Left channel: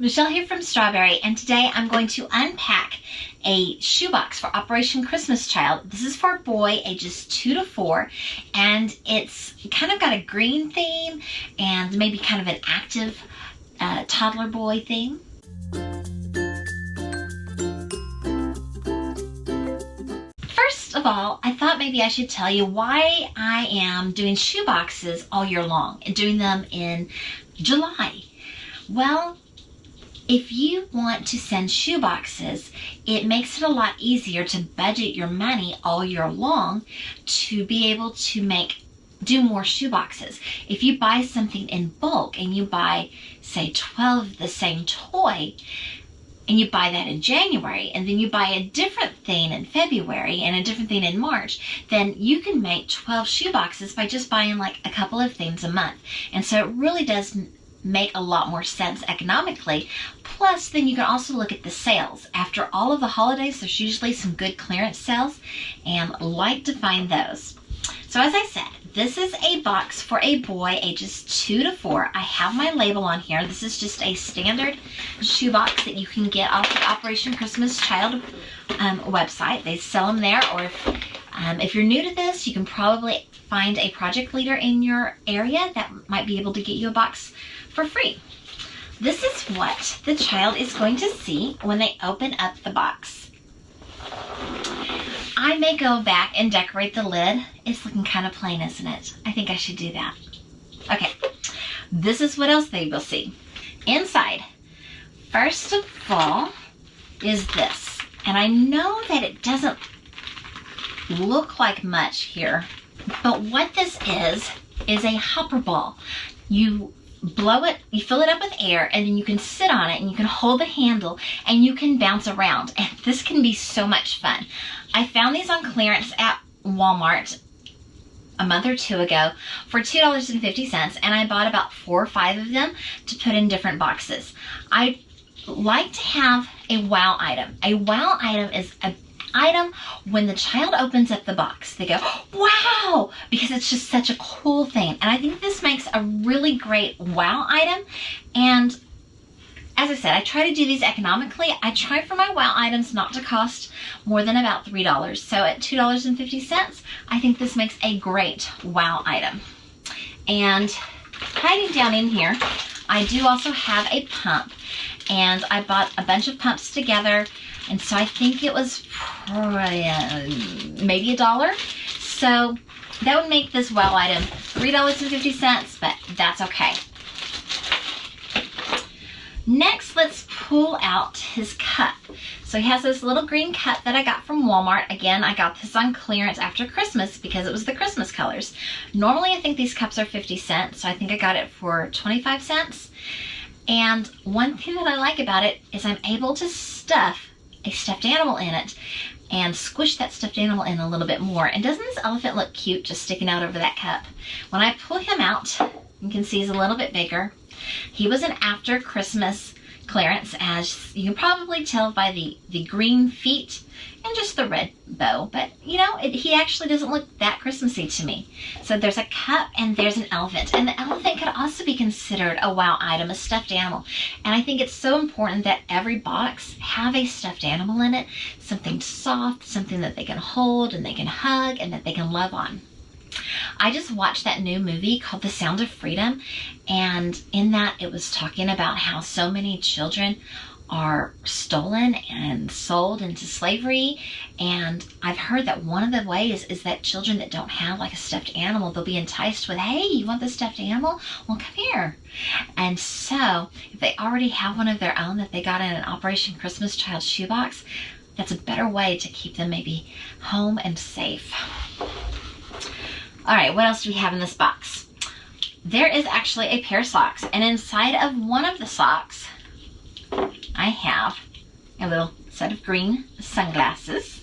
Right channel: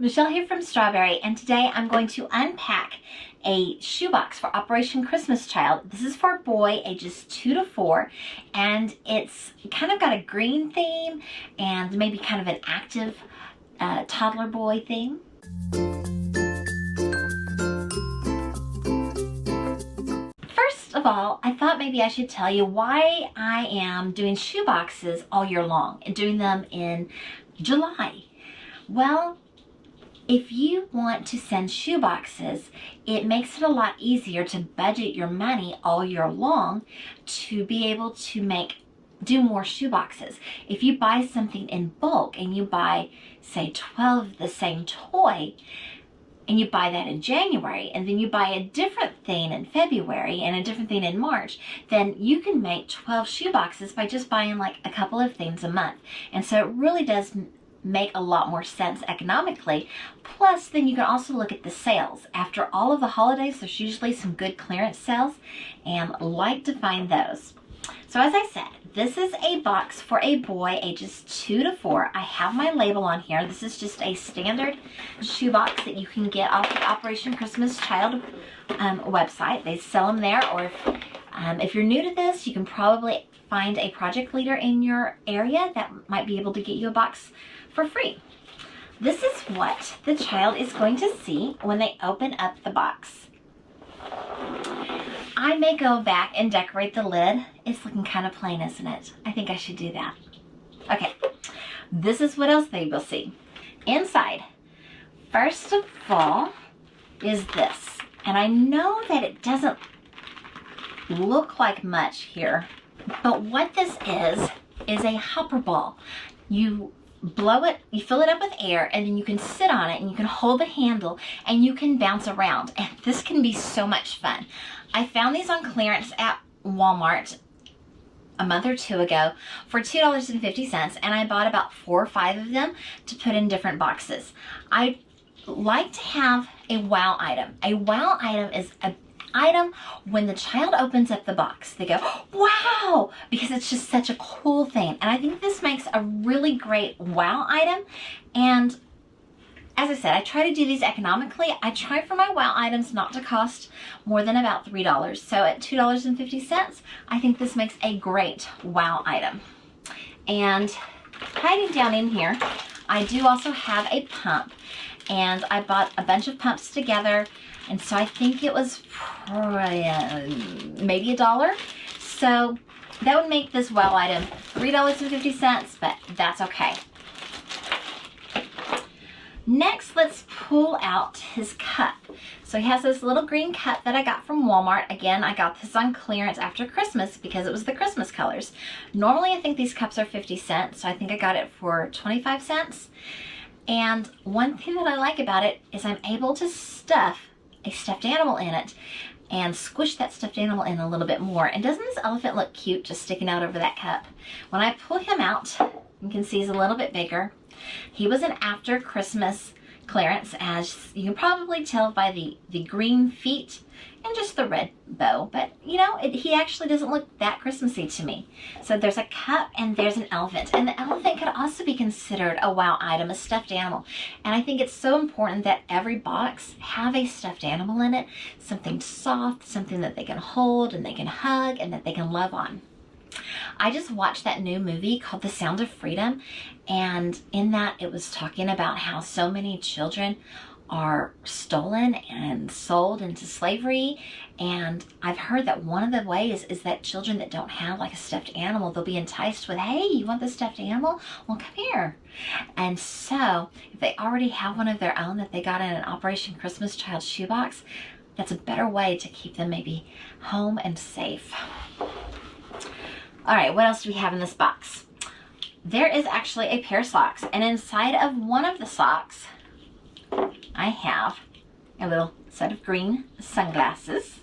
Michelle here from Strawberry, and today I'm going to unpack a shoebox for Operation Christmas Child. This is for a boy ages 2 to 4, and it's kind of got a green theme and maybe kind of an active toddler boy theme. First of all, I thought maybe I should tell you why I am doing shoeboxes all year long and doing them in July. Well, if you want to send shoeboxes, it makes it a lot easier to budget your money all year long to be able to do more shoeboxes. If you buy something in bulk and you buy, say, 12 of the same toy, and you buy that in January, and then you buy a different thing in February and a different thing in March, then you can make 12 shoeboxes by just buying like a couple of things a month. And so it really does make a lot more sense economically. Plus, then you can also look at the sales. After all of the holidays, there's usually some good clearance sales, and I like to find those. So as I said, this is a box for a boy ages 2 to 4. I have my label on here. This is just a standard shoebox that you can get off the Operation Christmas Child website. They sell them there, or if you're new to this, you can probably find a project leader in your area that might be able to get you a box for free. This is what the child is going to see when they open up the box. I may go back and decorate the lid. It's looking kind of plain, isn't it? I think I should do that. Okay, this is what else they will see. Inside, first of all, is this. And I know that it doesn't look like much here, but what this is a hopper ball. You blow it, you fill it up with air, and then you can sit on it and you can hold the handle and you can bounce around. And this can be so much fun. I found these on clearance at Walmart a month or two ago for $2.50, and I bought about 4 or 5 of them to put in different boxes. I like to have a wow item. A wow item is an item when the child opens up the box, they go, wow, because it's just such a cool thing. And I think this makes a really great wow item. And as I said, I try to do these economically. I try for my wow items not to cost more than about $3. So at $2.50, I think this makes a great wow item. And hiding down in here, I do also have a pump. And I bought a bunch of pumps together, and so I think it was maybe $1. So that would make this wow item $3.50, but that's okay. Next, let's pull out his cup. So he has this little green cup that I got from Walmart. Again, I got this on clearance after Christmas because it was the Christmas colors. Normally, I think these cups are 50 cents, so I think I got it for 25 cents. And one thing that I like about it is I'm able to stuff a stuffed animal in it and squish that stuffed animal in a little bit more. And doesn't this elephant look cute just sticking out over that cup? When I pull him out, you can see he's a little bit bigger. He was an after Christmas clearance, as you can probably tell by the green feet and just the red bow, but you know, he actually doesn't look that Christmassy to me. So there's a cup and there's an elephant, and the elephant could also be considered a wow item, a stuffed animal. And I think it's so important that every box have a stuffed animal in it, something soft, something that they can hold and they can hug and that they can love on. I just watched that new movie called The Sound of Freedom, and in that it was talking about how so many children are stolen and sold into slavery. And I've heard that one of the ways is that children that don't have like a stuffed animal, they'll be enticed with, hey, you want the stuffed animal? Well, come here. And so if they already have one of their own that they got in an Operation Christmas Child shoebox, that's a better way to keep them maybe home and safe. All right, what else do we have in this box? There is actually a pair of socks, and inside of one of the socks, I have a little set of green sunglasses.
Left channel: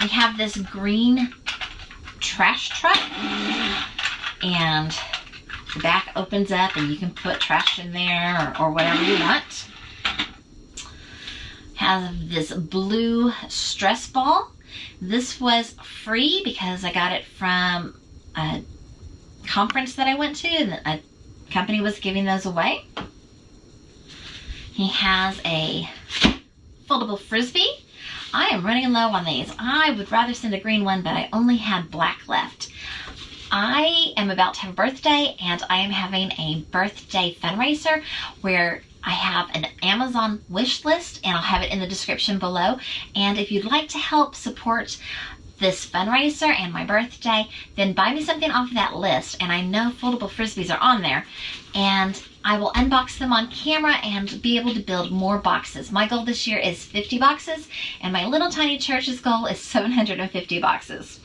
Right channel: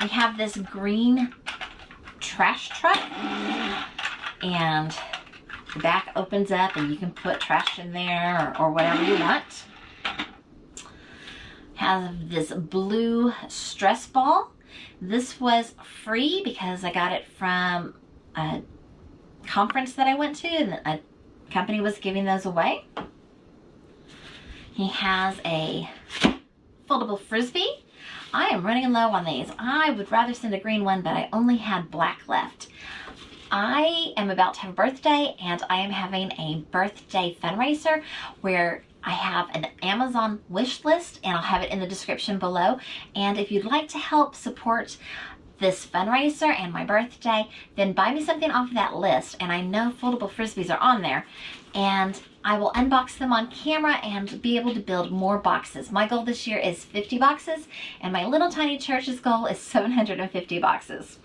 I have this green trash truck, and the back opens up and you can put trash in there or whatever you want. Have this blue stress ball. This was free because I got it from a conference that I went to, and a company was giving those away. He has a foldable Frisbee. I am running low on these. I would rather send a green one, but I only had black left. I am about to have a birthday, and I am having a birthday fundraiser where I have an Amazon wish list, and I'll have it in the description below. And if you'd like to help support this fundraiser and my birthday, then buy me something off of that list. And I know foldable Frisbees are on there, and I will unbox them on camera and be able to build more boxes. My goal this year is 50 boxes, and my little tiny church's goal is 750 boxes.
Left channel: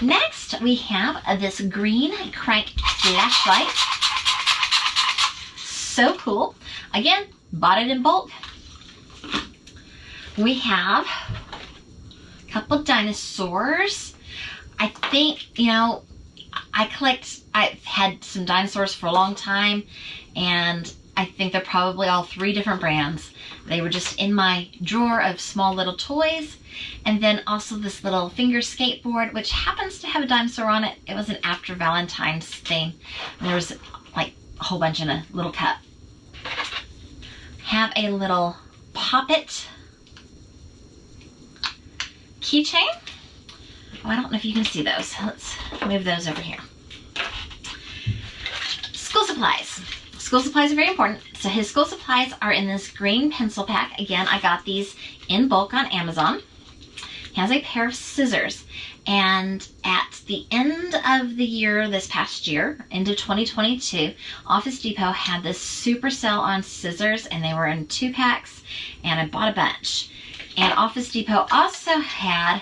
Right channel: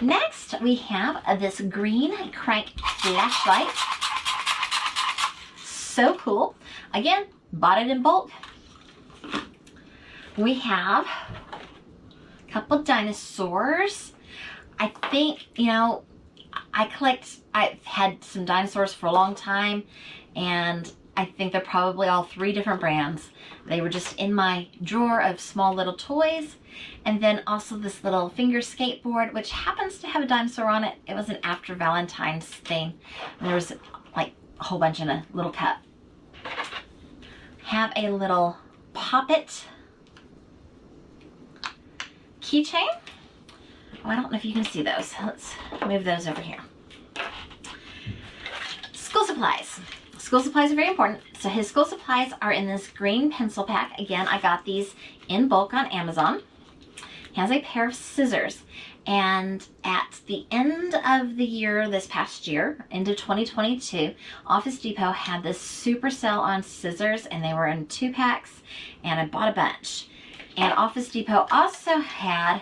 Next, we have this green crank flashlight. So cool. Again, bought it in bulk. We have a couple dinosaurs. I think, you know, I've had some dinosaurs for a long time, and I think they're probably all 3 different brands. They were just in my drawer of small little toys. And then also this little finger skateboard, which happens to have a dinosaur on it. It was an after Valentine's thing. And there was like a whole bunch in a little cup. Have a little Pop-It keychain. Oh, I don't know if you can see those. Let's move those over here. School supplies. School supplies are very important. So his school supplies are in this green pencil pack. Again, I got these in bulk on Amazon. He has a pair of scissors, and at the end of the year, this past year, into 2022, Office Depot had this super sale on scissors, and they were in 2 packs, and I bought a bunch. And Office Depot also had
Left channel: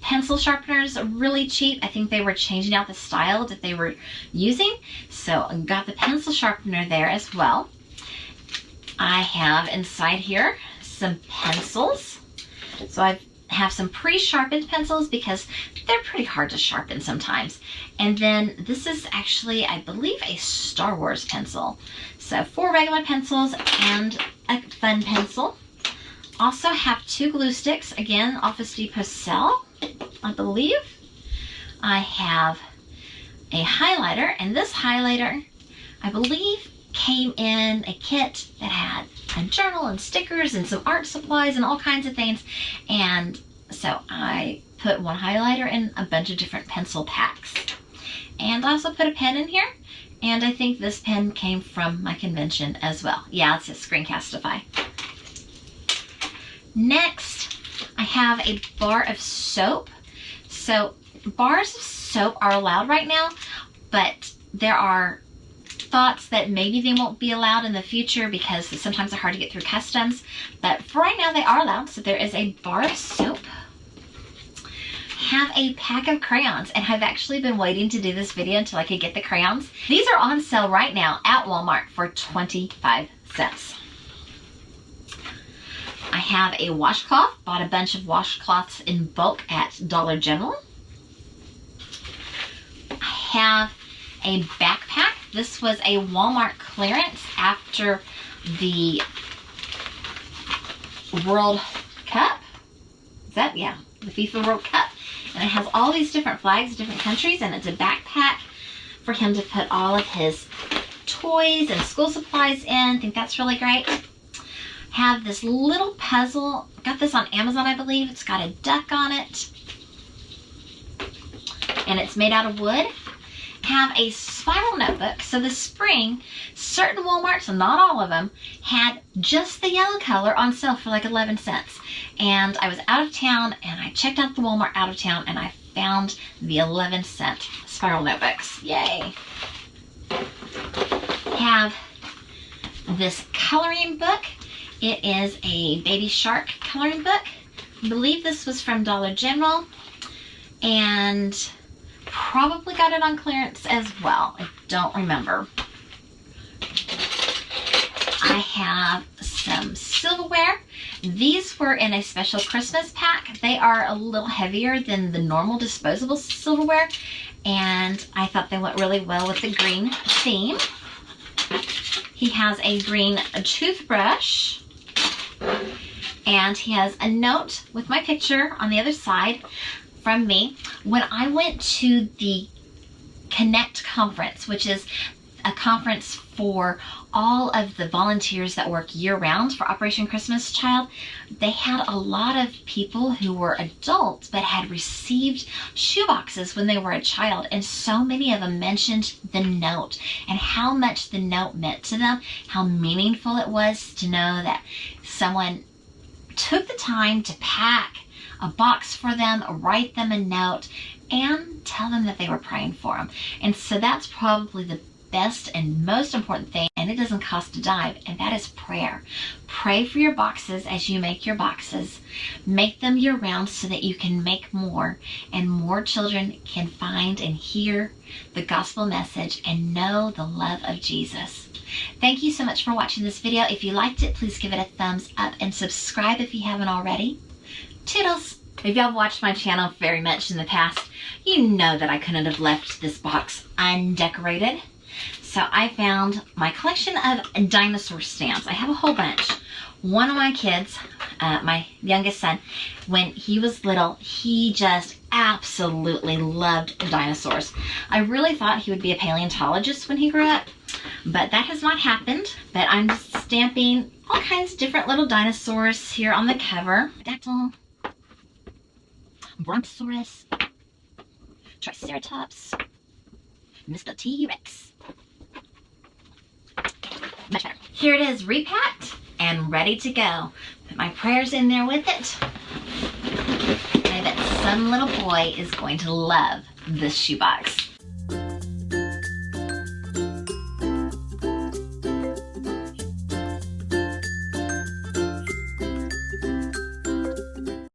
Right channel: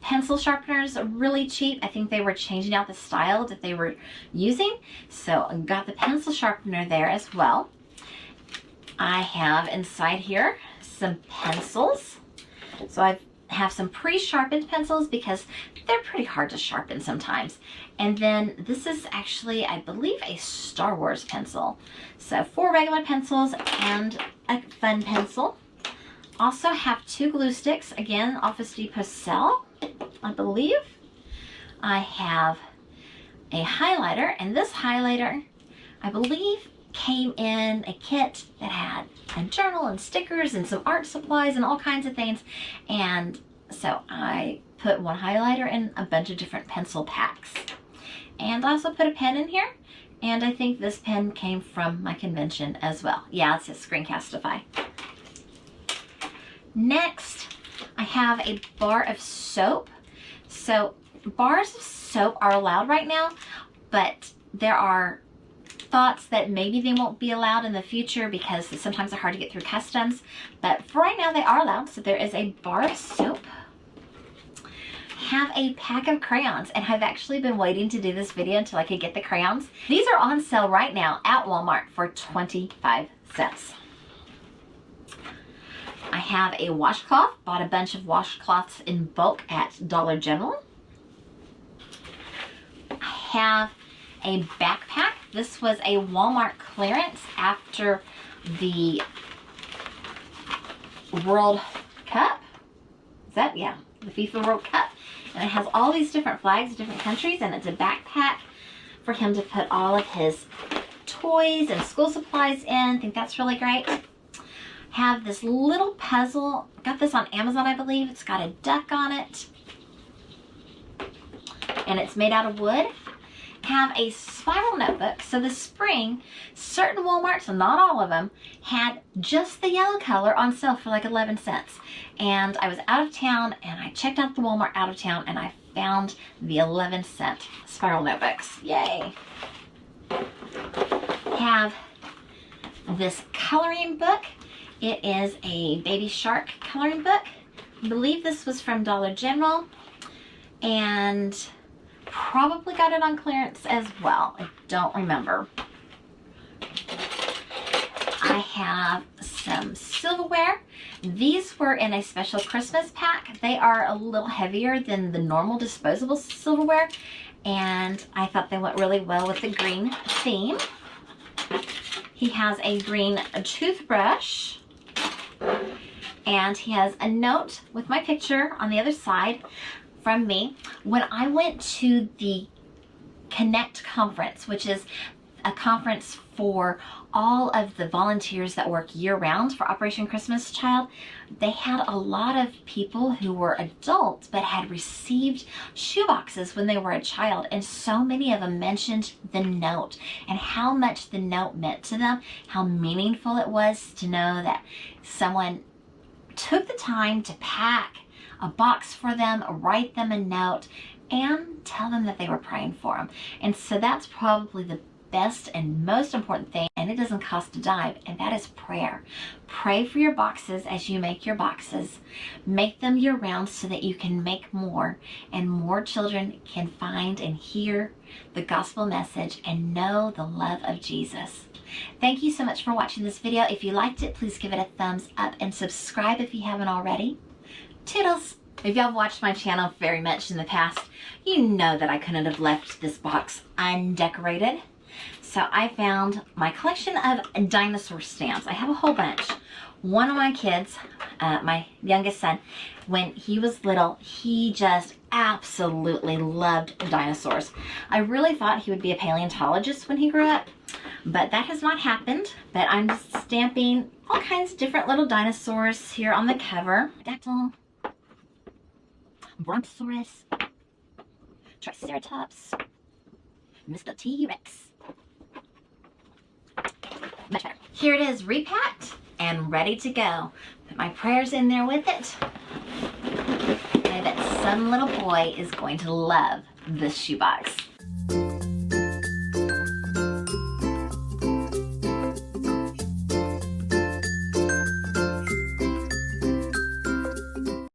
pencil sharpeners, really cheap. I think they were changing out the style that they were using, so I got the pencil sharpener there as well. I have inside here some pencils. So I have some pre-sharpened pencils because they're pretty hard to sharpen sometimes. And then this is actually, I believe, a Star Wars pencil. So 4 regular pencils and a fun pencil. Also have 2 glue sticks, again, Office Depot sale, I believe. I have a highlighter, and this highlighter, I believe, came in a kit that had a journal and stickers and some art supplies and all kinds of things. And so I put one highlighter in a bunch of different pencil packs. And I also put a pen in here. And I think this pen came from my convention as well. Yeah, it says Screencastify. Next, I have a bar of soap. So bars of soap are allowed right now, but there are thoughts that maybe they won't be allowed in the future because sometimes they're hard to get through customs. But for right now, they are allowed. So there is a bar of soap. Have a pack of crayons, and I've actually been waiting to do this video until I could get the crayons. These are on sale right now at Walmart for 25 cents. I have a washcloth. Bought a bunch of washcloths in bulk at Dollar General. I have a backpack. This was a Walmart clearance after the World Cup. Is that? Yeah, the FIFA World Cup. And it has all these different flags, different countries, and it's a backpack for him to put all of his toys and school supplies in. I think that's really great. Have this little puzzle. Got this on Amazon, I believe. It's got a duck on it. And it's made out of wood. Have a spiral notebook. So this spring, certain Walmarts, not all of them, had just the yellow color on sale for like 11 cents. And I was out of town, and I checked out the Walmart out of town, and I found the 11-cent spiral notebooks. Yay. Have this coloring book. It is a baby shark coloring book. I believe this was from Dollar General, and probably got it on clearance as well. I don't remember. I have some silverware. These were in a special Christmas pack. They are a little heavier than the normal disposable silverware, and I thought they went really well with the green theme. He has a green toothbrush, and he has a note with my picture on the other side from me. When I went to the Connect conference, which is a conference for all of the volunteers that work year-round for Operation Christmas Child. They had a lot of people who were adults but had received shoeboxes when they were a child, and so many of them mentioned the note and how much the note meant to them, how meaningful it was to know that someone took the time to pack a box for them, write them a note, and tell them that they were praying for them. And so that's probably the best and most important thing, and it doesn't cost a dime, and that is prayer. Pray for your boxes as you make your boxes. Make them year round so that you can make more, and more children can find and hear the gospel message and know the love of Jesus. Thank you so much for watching this video. If you liked it, please give it a thumbs up and subscribe if you haven't already. Toodles! If y'all have watched my channel very much in the past, you know that I couldn't have left this box undecorated. So I found my collection of dinosaur stamps. I have a whole bunch. One of my kids, my youngest son, when he was little, he just absolutely loved dinosaurs. I really thought he would be a paleontologist when he grew up, but that has not happened. But I'm just stamping all kinds of different little dinosaurs here on the cover. Dactyl, Brontosaurus, Triceratops, Mr. T-Rex. Much better. Here it is, repacked and ready to go. Put my prayers in there with it. I bet some little boy is going to love this shoebox.